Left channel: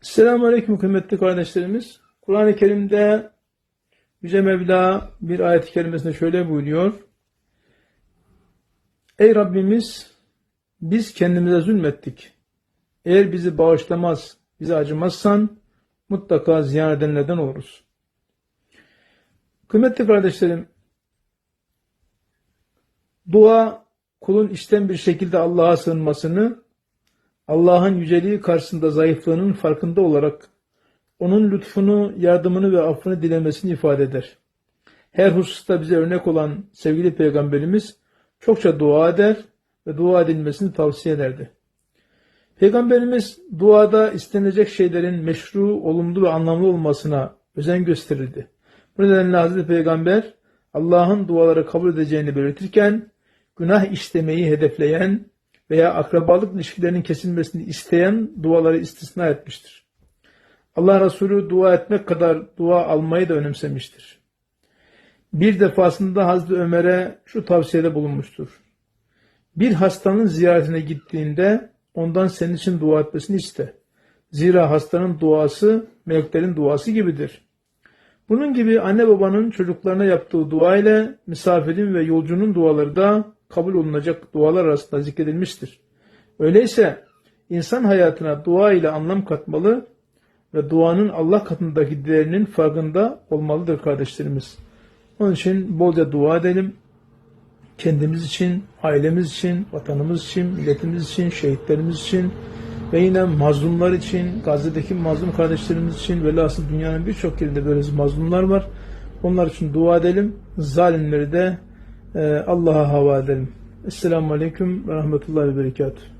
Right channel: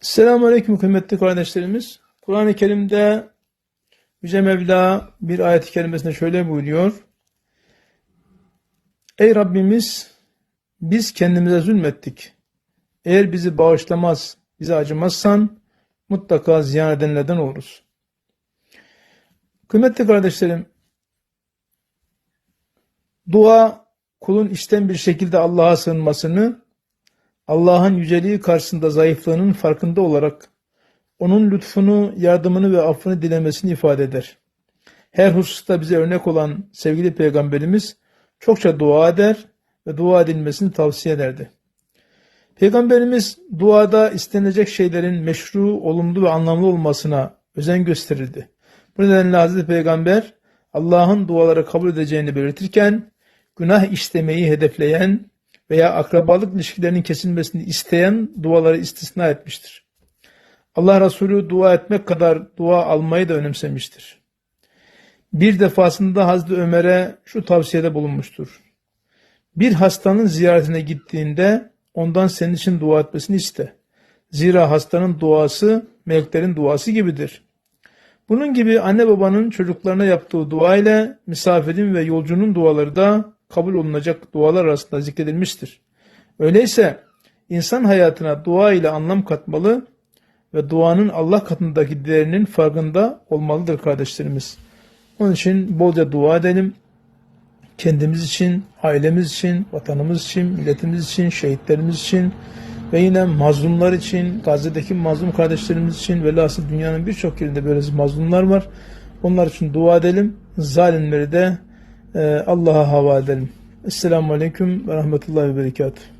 Selamun Aleyküm kıymetli kardeşlerimiz. Kur'an-ı Kerim'de Yüce Mevla bir ayet-i kerimesinde şöyle buyuruyor. Ey Rabbimiz biz kendimize zulmettik. Eğer bizi bağışlamaz, bize acımazsan mutlaka ziyan edenlerden oluruz. Kıymetli kardeşlerim, dua kulun içten bir şekilde Allah'a sığınmasını Allah'ın yüceliği karşısında zayıflığının farkında olarak onun lütfunu, yardımını ve affını dilemesini ifade eder. Her hususta bize örnek olan sevgili peygamberimiz çokça dua eder ve dua edilmesini tavsiye ederdi. Peygamberimiz duada istenilecek şeylerin meşru, olumlu ve anlamlı olmasına özen gösterirdi. Bu nedenle Hazreti Peygamber Allah'ın duaları kabul edeceğini belirtirken günah işlemeyi hedefleyen veya akrabalık ilişkilerinin kesilmesini isteyen duaları istisna etmiştir. Allah Resulü dua etmek kadar dua almayı da önemsemiştir. Bir defasında Hazreti Ömer'e şu tavsiyede bulunmuştur. Bir hastanın ziyaretine gittiğinde ondan senin için dua etmesini iste. Zira hastanın duası meleklerin duası gibidir. Bunun gibi anne babanın çocuklarına yaptığı dua ile misafirin ve yolcunun duaları da kabul olunacak dualar arasında zikredilmiştir. Öyleyse insan hayatına dua ile anlam katmalı ve duanın Allah katındaki değerinin farkında olmalıdır kardeşlerimiz. Onun için bolca dua edelim. Kendimiz için, ailemiz için, vatanımız için, milletimiz için, şehitlerimiz için ve yine mazlumlar için, Gazze'deki mazlum kardeşlerimiz için velhasıl dünyanın birçok yerinde böyle mazlumlar var. Onlar için dua edelim. Zalimleri de Allah'a havale edelim. Esselamu Aleyküm ve Rahmetullahi ve Berekatuhu.